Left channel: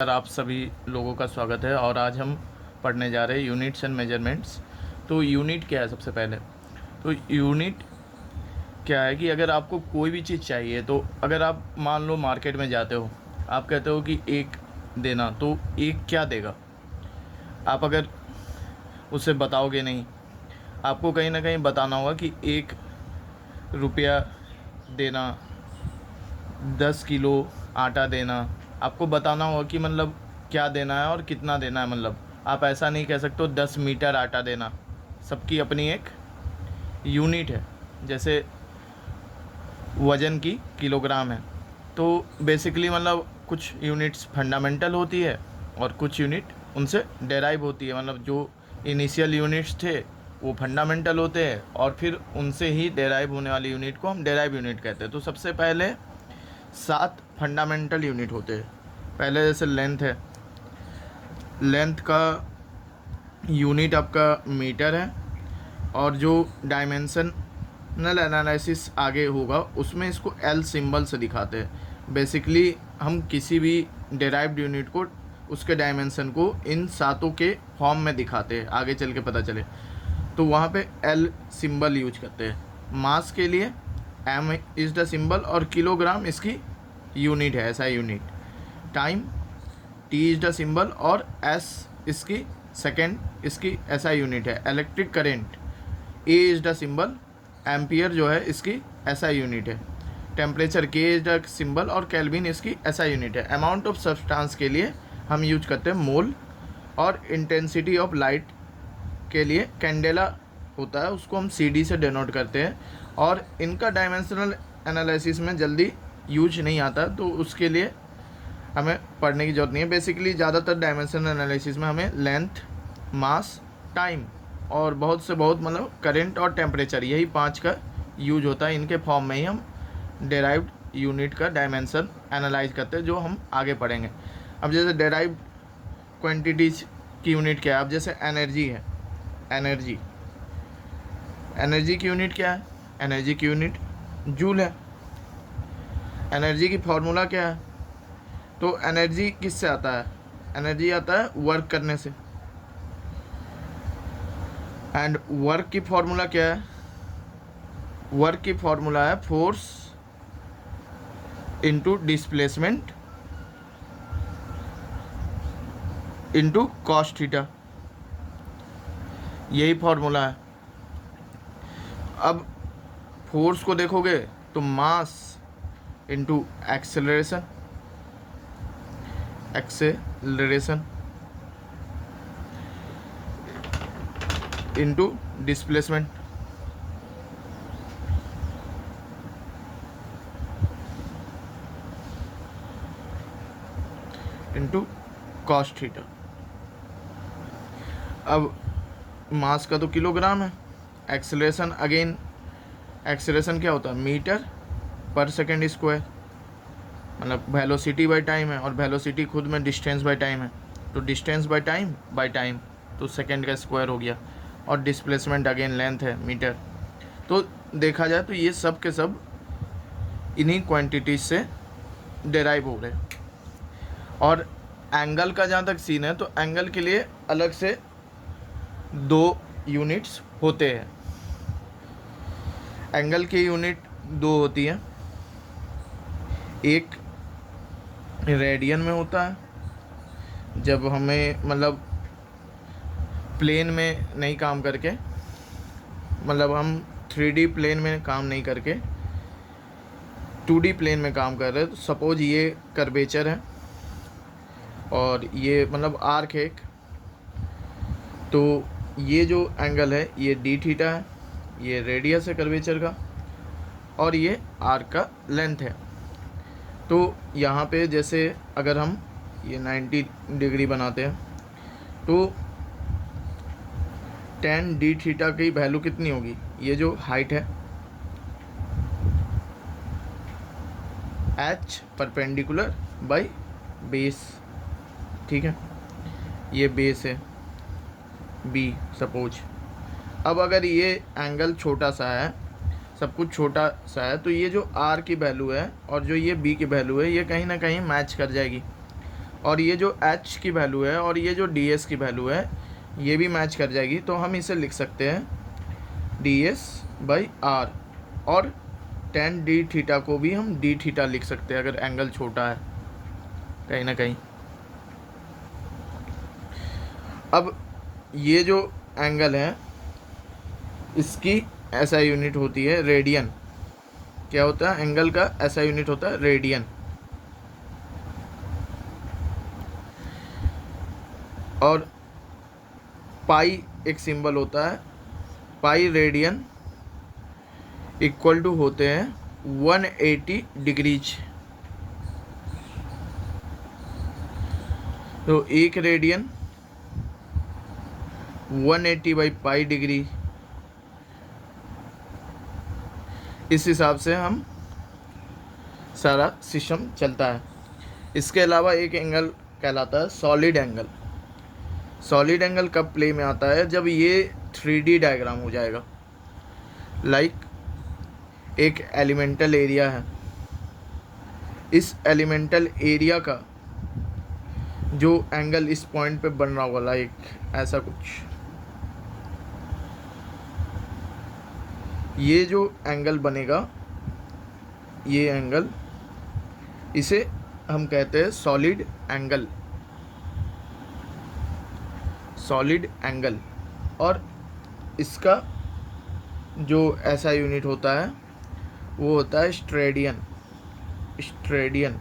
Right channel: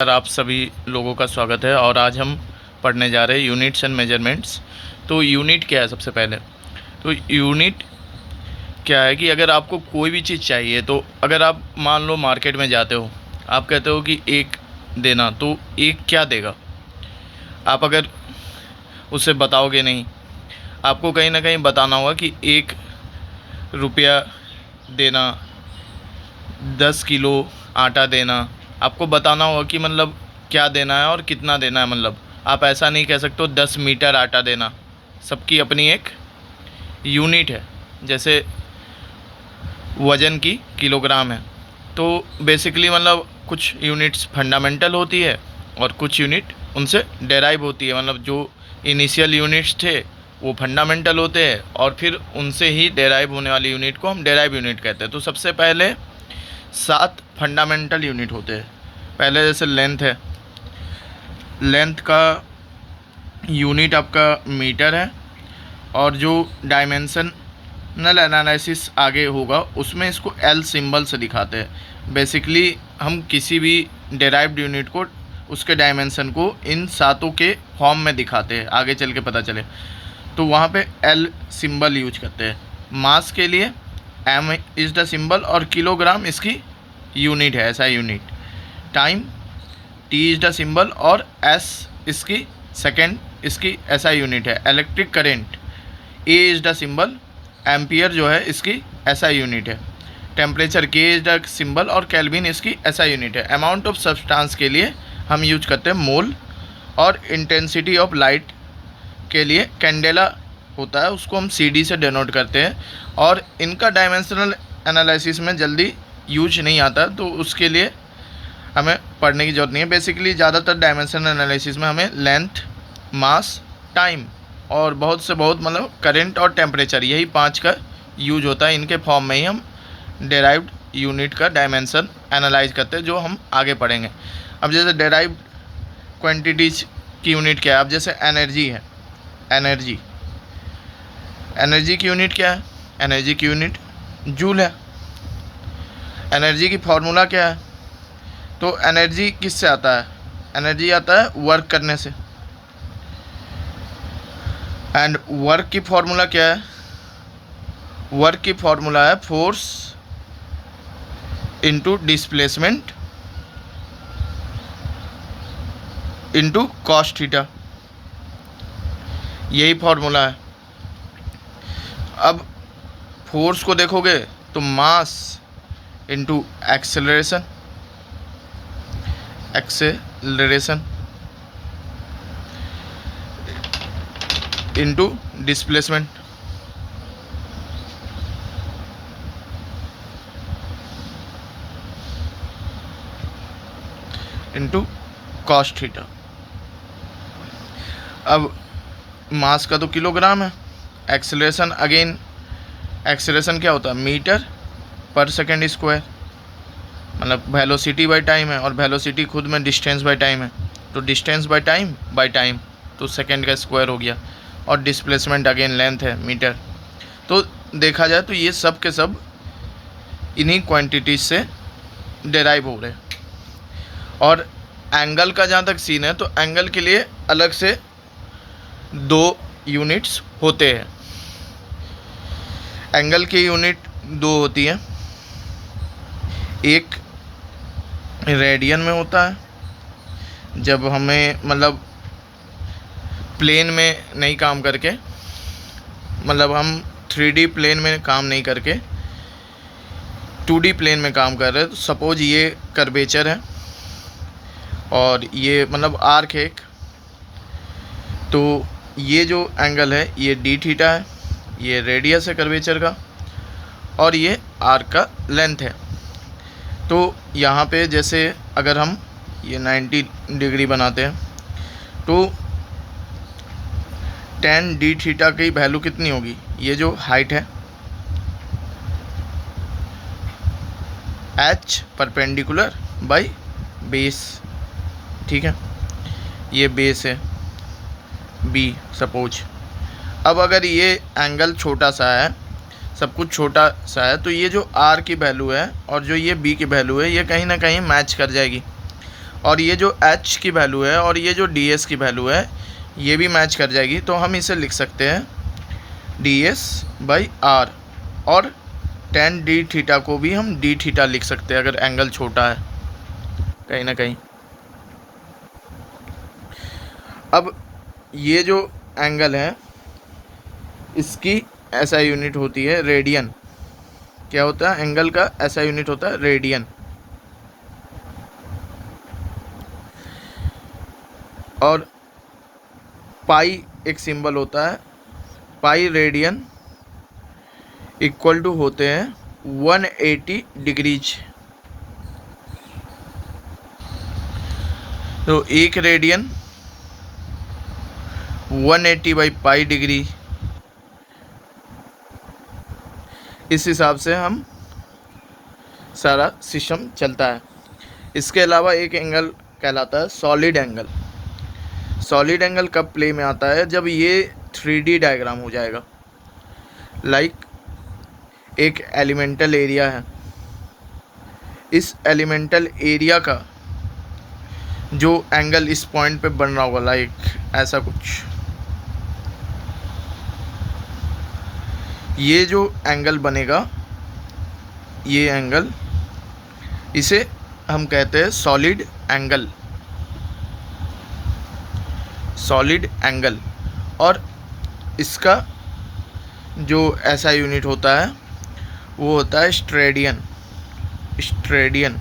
Sir, आप सभी लोगों का स्वागत है। और आज हम पढ़ने जा रहे हैं यूनिट्स एंड मेजरमेंट्स। तो यूनिट क्या है? सबसे पहले तो यूनिट क्या है कि अगर आपको कोई भी चीज़ चाहिए, तो अगर आप मान लो मार्केट में जाते हो, आप कहते हो कि एक देना, तो एक क्या देगा? आप अगर उसे बताओगे नहीं, आपको कहीं ना कहीं बताना होगा कि 1 रुपया देना, 10 किलो आटा देना। आपको बताना होगा कि मतलब क्या देना है और कितना देना है। मतलब आप ऐसा नहीं कह सकते हो 10 मीटर आटा देना। सबकी अपनी एक यूनिट है। जैसे वज़न की किलोग्राम है, तो बेसिकली मतलब कुछ यूनिट्स फंडामेंटल होती है और कुछ यूनिट उनसे डेराइव होती है। मतलब जो इनिशियल यूनिट्स थे वो फंडामेंटल होते हैं, और फिर उनसे ही डेराइव होने वाली यूनिट को हम डेराइव यूनिट कहते हैं। तो सबसे पहले 7 फंडामेंटल यूनिट होते हैं। पहले जैसे लेंथ है, लेंथ का यूनिट आपका मीटर है, और जो डायमेंशनल एनालिसिस आगे होगा उसमें इसको एल सिंबल से दिखाते हैं। बेसिकली हम किसी भी डेराइव्ड यूनिट को, उसके डायमेंशन को इन सातों के फॉर्म में दिखाते हैं, आगे चल के पता चले। तो वहाँ पे एल सिंबल यूज करते हैं। मास के लिए एम इज़ द सिंबल, और किलोग्राम इसकी यूनिट है, ऐसा unit. Time T is the symbol, और एस इसकी सेकेंड इसकी ऐसा यूनिट है। Electric current A is the symbol, ampere जो है इसकी ऐसा यूनिट है। टेम्परेचर के इज़ द सिंबल, और केल्विन इसकी ऐसा यूनिट है। अमाउंट ऑफ सब्सटेंस के लिए हम यूज करते हैं मोल, और इंटेंसिटी ऑफ लाइट के लिए कैंडेला होता है, उसको हम सी डी से डिनोट करते हैं। और इनका डायमेंशनल एनालिसिस में जल्दी यूज नहीं आता, तो उसके लिए हमें पढ़ने की ज़रूरत नहीं है। बेसिकली ज़्यादातर डायमेंशनल एनालिसिस में हमें लेंथ, मास, टाइम और बहुत से बहुत मतलब करंट और टेम्परेचर, यही 5 का यूज होता है। इनके फॉर्म में ही हम डेराइव्ड यूनिट का डायमेंशन एनालाइज करते हैं, जो हम आगे पढ़ेंगे। अब जैसे डेराइव्ड क्वांटिटीज की यूनिट क्या है? अब जैसे एनर्जी है, एनर्जी एनर्जी की यूनिट क्या है? एनर्जी की यूनिट जूल है। एनर्जी की फार्मूला क्या है? तो एनर्जी किससे आता है? एनर्जी आता है वर्क करने से। एंड वर्क की फार्मूला क्या है? वर्क की फार्मूला है force into displacement into cos theta, यही फार्मूला है। अब फोर्स को देखोगे तो mass into acceleration, acceleration into displacement, into cos theta. अब मास का तो किलोग्राम है, एक्सेलरेशन अगेन, एक्सेलरेशन क्या होता है? मीटर पर सेकेंड स्क्वायर, मतलब वेलोसिटी बाय टाइम है, और वेलोसिटी खुद में डिस्टेंस बाय टाइम है। तो डिस्टेंस बाय टाइम, तो सेकेंड का स्क्वायर हो गया। और डिस्प्लेसमेंट अगेन लेंथ है, मीटर। तो देखा जाए तो ये सब के सब इन्हीं क्वांटिटीज से डेराइव हो रहे हैं। और एंगल का जहाँ तक सीन है, तो एंगल के लिए अलग से 2 यूनिट्स होते हैं। एंगल की यूनिट 2 होती है। एक रेडियन में होता है, जब हमें मतलब प्लेन में नहीं काम करके, मतलब हम 3D प्लेन में काम नहीं करके 2D प्लेन में काम कर रहे हैं। तो सपोज ये कर्वेचर है, और ये मतलब आर्क है एक, तो ये जो एंगल है ये डी थीटा है, ये रेडियस है कर्वेचर का, और ये आर्क का लेंथ है। तो यहाँ पे जैसे अगर हम ये 90 डिग्री बनाते हैं, तो tan डी थीटा की वैल्यू कितनी होगी? ये जो हाइट है h परपेंडिकुलर बाई बेस, ठीक है, ये बेस है b सपोज। अब अगर ये एंगल छोटा सा है, सब कुछ छोटा सा है, तो ये जो r की वैल्यू है और जो ये b की वैल्यू है, ये कहीं ना कहीं मैच कर जाएगी। और ये जो h की वैल्यू है और ये जो ds की वैल्यू है ये भी मैच कर जाएगी, तो हम इसे लिख सकते हैं ds/r। और tan d थीटा को भी हम d थीटा लिख सकते हैं अगर एंगल छोटा है कहीं ना कहीं। अब ये जो एंगल है इसकी ऐसा यूनिट होती है रेडियन। क्या होता है एंगल का ऐसा यूनिट होता है रेडियन। और पाई एक सिंबल होता है, पाई रेडियन इक्वल टू होते हैं 180 डिग्रीज। तो एक रेडियन 180/पाई डिग्री। इस हिसाब से हम सारा सिस्टम चलता है। इसके अलावा एक एंगल कहलाता है सॉलिड एंगल। सॉलिड एंगल कब प्ले में आता है, जब ये 3D डायग्राम हो जाएगा। लाइक एक एलिमेंटल एरिया है, इस एलिमेंटल एरिया का जो एंगल इस पॉइंट पे बन रहा होगा, लाइक ऐसा कुछ, ये जो एंगल बनेगा, ये एंगल, इसे हम कहते हैं सॉलिड एंगल। Solid angle. और इसका जो ऐसा यूनिट होता है वो होता है स्ट्रेडियन। स्ट्रेडियन